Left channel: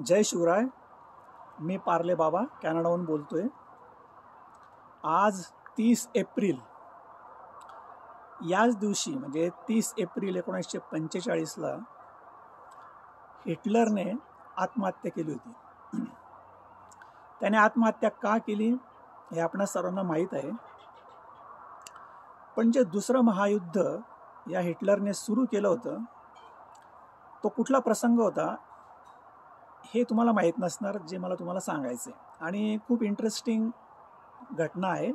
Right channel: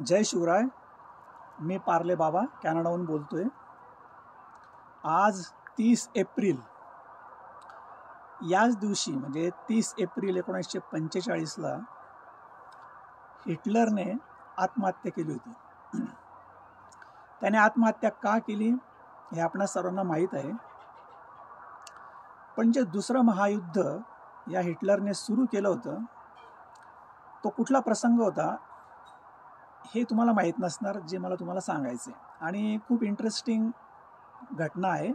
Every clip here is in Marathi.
जय शिवराय. मी पार्ले बाबा कॅनडाहून बोलतोय. आज 30 एप्रिल याच दिवशी म्हणजे 30 एप्रिल 1945ला हिटलरने आत्महत्या केली होती. त्याने आत्महत्या का केली हे आपणा सर्वांना माहीत आहे. पण जे दुसरं महायुद्ध या हिटलरने सुरू केलं होतं तो कुठला प्रसंग होता हे तुम्हाला माहीत नसणार, जे मला तुम्हाला सांगायचे. आणि खूप इंटरेस्टिंग घटना आहे,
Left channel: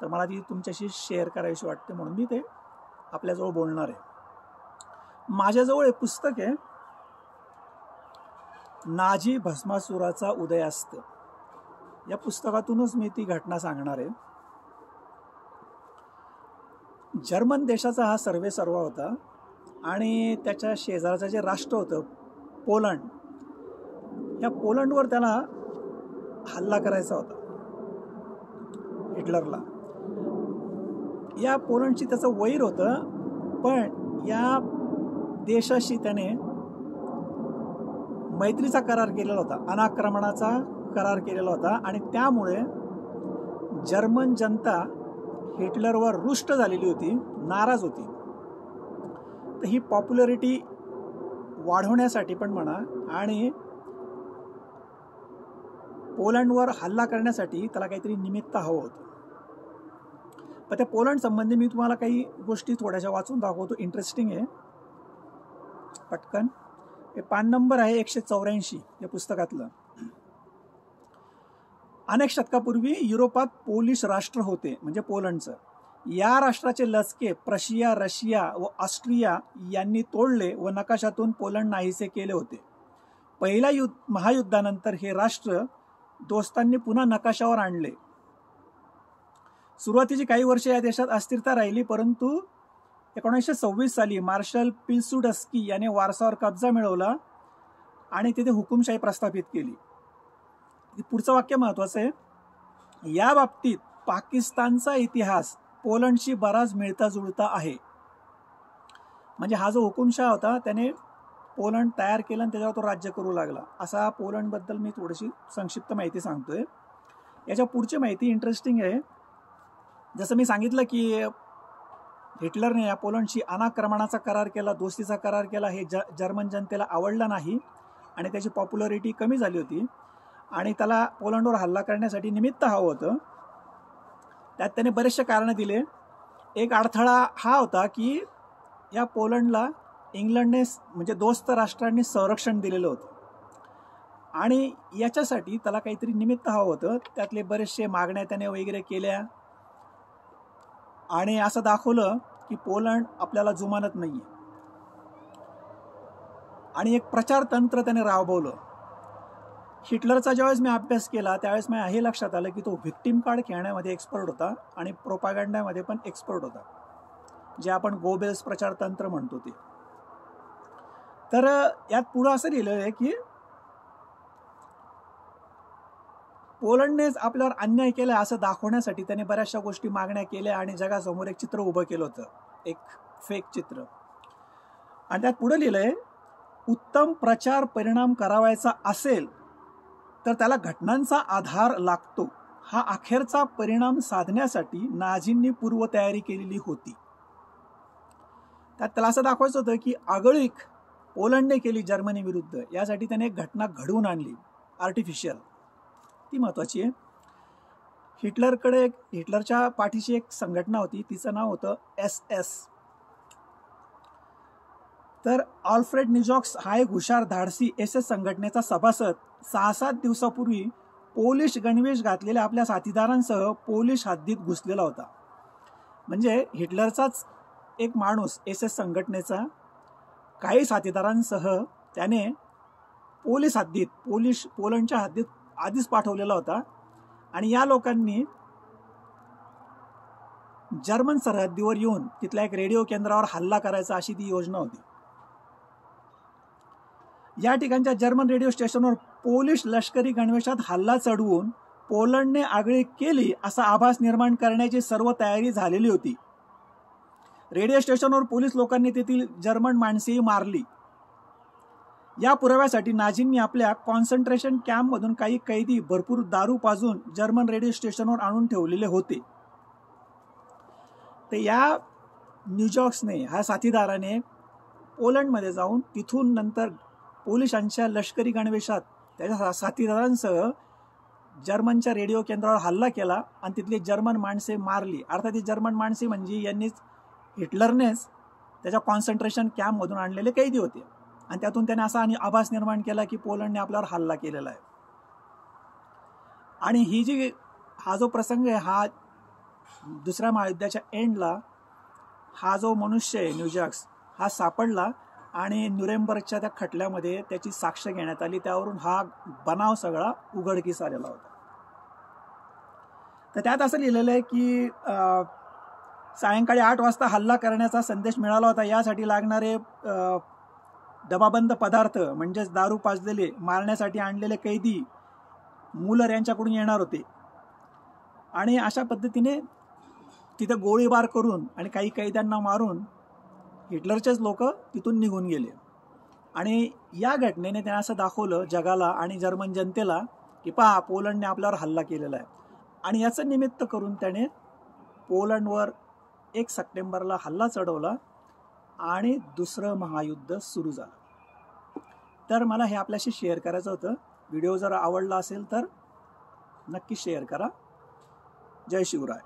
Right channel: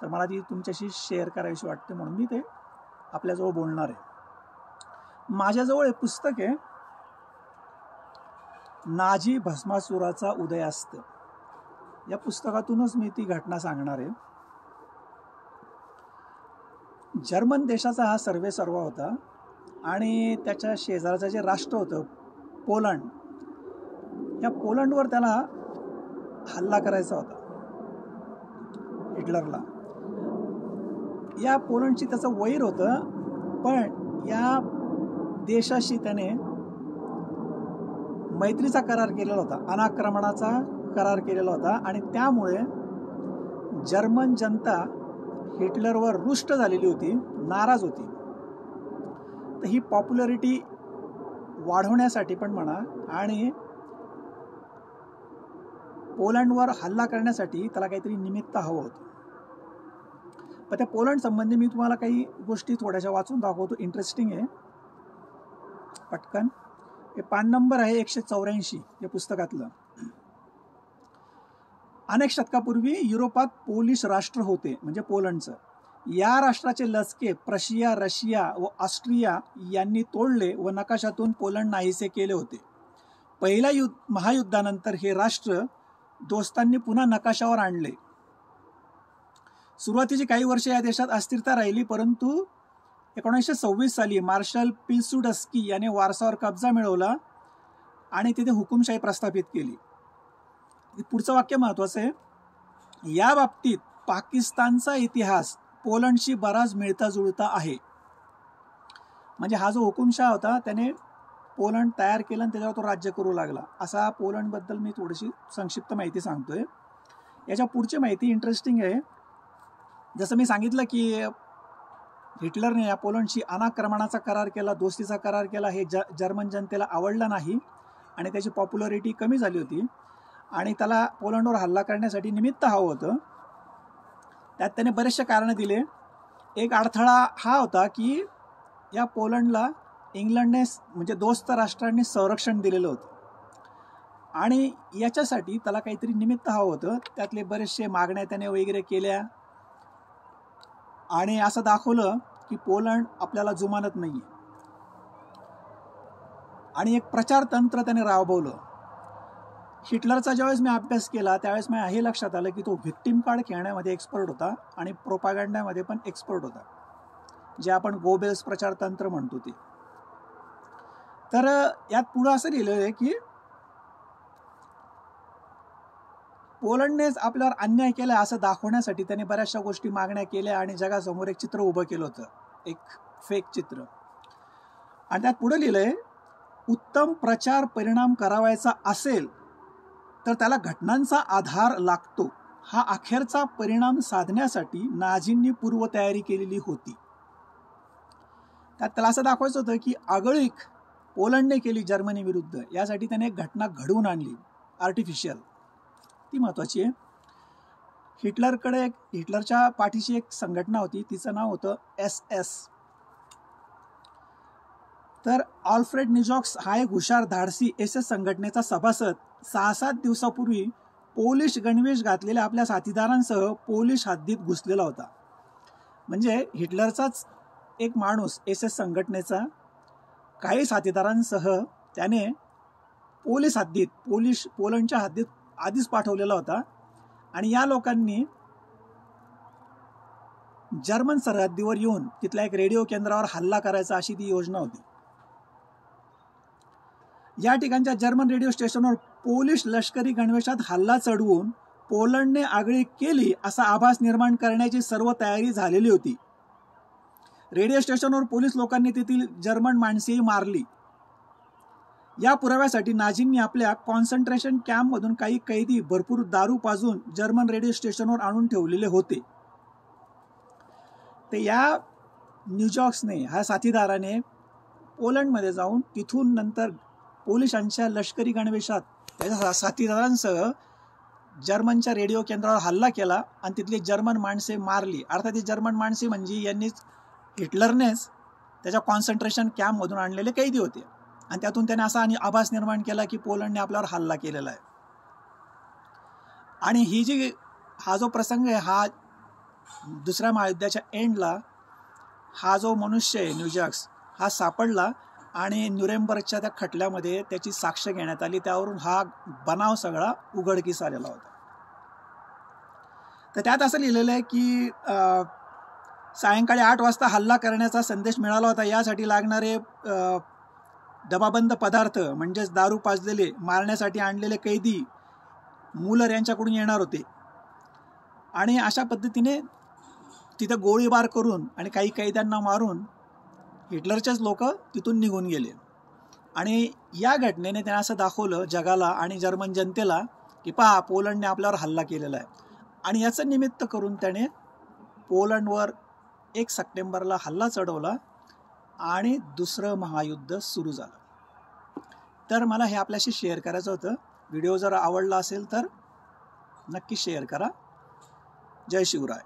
तर मला ती तुमच्याशी शेअर करावीशी वाटते, म्हणून मी ते आपल्याजवळ बोलणार आहे. माझ्याजवळ एक पुस्तक आहे, नाझी भस्मासुराचा उदयास्त. या पुस्तकातूनच मी ती घटना सांगणार आहे. जर्मन देशाचा हा सर्वेसर्वा होता आणि त्याच्या शेजारचं जे राष्ट्र होतं पोलंड, या पोलंडवर त्याला हल्ला करायचा होता हिटलरला. या पोलंडची त्याचं वैर होतं, पण या देशाशी त्याने मैत्रीचा करार केलेला होता, अनाक्रमणाचा करार केलेला होता. आणि त्यामुळे जर्मन जनता हिटलरवर रुष्ट झालेली होती, नाराज होती. तर ही पॉप्युलॅरिटी वाढवण्यासाठी पण म्हणा आणि पोलंडवर हल्ला करण्यासाठी त्याला काहीतरी निमित्त हवं होतं. पण त्या पोलंड संबंधी मी तुम्हाला काही गोष्टी थोड्याशा वाचून दाखवतो, इंटरेस्टिंग आहे. पटकन हे पान नंबर आहे 184 या पुस्तकातलं. अनेक शतकापूर्वी युरोपात पोलिश राष्ट्र होते, म्हणजे पोलंडचं. या राष्ट्राचे लचके प्रशिया, रशिया व ऑस्ट्रिया यांनी तोडले व नकाशातून पोलंड नाहीसे केले होते. पहिल्या महायुद्धानंतर हे राष्ट्र दोस्तांनी पुन्हा नकाशावर आणले. सुरुवातीची काही वर्षे या देशात अस्थिरता राहिली, परंतु 1926 साली मार्शल पिलसुडस्की याने वारसावर कब्जा मिळवला आणि तिथे हुकुमशाही प्रस्थापित केली. पुढचं वाक्य महत्वाचं आहे. या बाबतीत पाकिस्तानचा इतिहास पोलंडशी बराच मिळता जुळता आहे. म्हणजे हा जो हुकुमशाह होता त्याने पोलंड तयार केलं आणि त्याच्यावर तो राज्य करू लागला. असा पोलंड बद्दल मी थोडीशी संक्षिप्त माहिती सांगतोय. याच्या पुढची माहिती इंटरेस्टिंग आहे. जसं मी सांगितलं की हिटलरने या पोलंडशी अनाक्रमणाचा करार केला, दोस्तीचा करार केला. हे जर्मन जनतेला आवडलं नाही आणि त्याची पॉप्युलॅरिटी कमी झाली होती आणि त्याला पोलंडवर हल्ला करण्यासाठी निमित्त हवं होतं. त्यात त्याने बरेचसे कारणं दिले. एक अडथळा हा होता की या पोलंडला इंग्लंडने म्हणजे दोस्त राष्ट्रांनी संरक्षण दिलेलं होतं आणि याच्यासाठी त्याला काहीतरी निमित्त हवं होतं. त्यातले बरेचसे मागण्या त्याने वगैरे केल्या आणि असं दाखवलं की पोलंड आपल्याला जुमानत नाहीये. आणि एक प्रचार तंत्र त्याने राबवलं. हिटलरचा ज्यावेळेस मी अभ्यास केला त्यावेळेस मी हे लक्षात आलं की तो व्हिक्टिम कार्ड खेळण्यामध्ये एक्सपर्ट होता आणि प्रोपागंडामध्ये पण एक्सपर्ट होता, जे आपण गोबेल्स प्रचार तंत्र म्हणतो ते. तर यात पुढे असं लिहिलेलं आहे की पोलंडनेच आपल्यावर अन्याय केला असं दाखवण्यासाठी त्याने बऱ्याचशा गोष्टी मागण्या केल्या आणि जगासमोर एक चित्र उभं केलं होतं, एक फेक चित्र. आणि त्यात पुढे लिहिलंय, उत्तम प्रचार परिणाम करावायचा असेल तर त्याला घटनांचा आधार लागतो. हा अखेरचा परिणाम साधण्यासाठी नाझींनी पूर्वतयारी केलेली होती. त्यात त्याला असं दाखवायचं होतं की आगळीक पोलंडने केली जर्मनी विरुद्ध, यासाठी त्याने एक घटना घडवून आणली आर्टिफिशियल. ती महत्वाची आहे. हिटलरच्या पाठीशी एक संघटना होती, तिचं नाव होतं SS. तर ऑल्फ्रेड निजॉक्स हा एक हुशार धाडसी SS संघटनेचा सभासद 6-7 दिवसापूर्वी पोलिश गणवेश घातलेल्या आपल्या साथीदारांसह पोलिश हद्दीत घुसलेला होता. म्हणजे हिटलरचाच एक माणूस SS संघटनेचा काही साथीदारांसह त्याने पोलंडच्या हद्दीत आधीच पाठवलेला होता आणि या लोकांनी जर्मन सरहद्दीवर येऊन तिथल्या एक रेडिओ केंद्रावर हल्ला करायचा अशी ती योजना होती. या ठिकाणच्या जर्मन रेडिओ स्टेशनवर पोलिश लष्करी गणवेशात हल्ला चढवून पोलंडने आगळीक केली असा आभास निर्माण करण्याची सर्व तयारी झालेली होती. रेडिओ स्टेशनवर पोलीस लोकांनी तेथील जर्मन माणसेही मारली. या पुराव्यासाठी नाझींनी आपल्या कॉन्सन्ट्रेशन कॅम्पमधून काही कैदी भरपूर दारू पाजून जर्मन रेडिओ स्टेशनवर आणून ठेवलेले होते. तर या न्यूजॉक्सने, ह्या साथीदाराने पोलंडमध्ये जाऊन तिथून नंतर पोलिसांच्या लष्करी गणवेशात त्याच्या साथीदारांसह जर्मनच्या रेडिओ केंद्रावर हल्ला केला आणि तिथली जर्मन माणसे मारली. अर्थात ही जर्मन माणसे म्हणजे यांनीच, हिटलरनेच त्याच्या कॉन्सन्ट्रेशन कॅम्पमधून आणलेले कैदी होते आणि त्यातून त्याने असा आभास निर्माण केला की पोलंडने आपल्यावर हल्ला केलेला आहे. आणि हा जो प्रसंग आहे, हा दुसऱ्या महायुद्धाच्या एंडला हा जो मनुष्य आहे न्यूजॉक्स, हा सापडला आणि न्यूरेमबर्गच्या त्या खटल्यामध्ये त्याची साक्ष घेण्यात आली. त्यावरून हा बनाव सगळा उघडकीस आलेला होता. तर त्यात असं लिहिलेलं आहे की सायंकाळी 8 वाजता हल्ला करण्याचा संदेश मिळाला होता. यासाठी लागणारे डबाबंद पदार्थ म्हणजेच दारू पाजलेले, मारण्यासाठी आणलेले कैदी मुलर यांच्याकडून येणार होते आणि अशा पद्धतीने तिथे गोळीबार करून आणि काही कैद्यांना मारून हिटलरचेच लोक तिथून निघून गेले. आणि या घटनेने त्याने असं दाखवलं जगाला आणि जर्मन जनतेला की पहा, पोलंडने आपल्यावर हल्ला केलेला आहे. आणि याचं निमित्त करून त्याने पोलंडवर 1 सप्टेंबरला हल्ला चढवला आणि दुसरं महायुद्ध सुरू झालं. तर मला हे आपल्याशी शेअर करायचं होतं. व्हिडिओ जर आवडला असेल तर नक्की शेअर करा. जय शिवराय.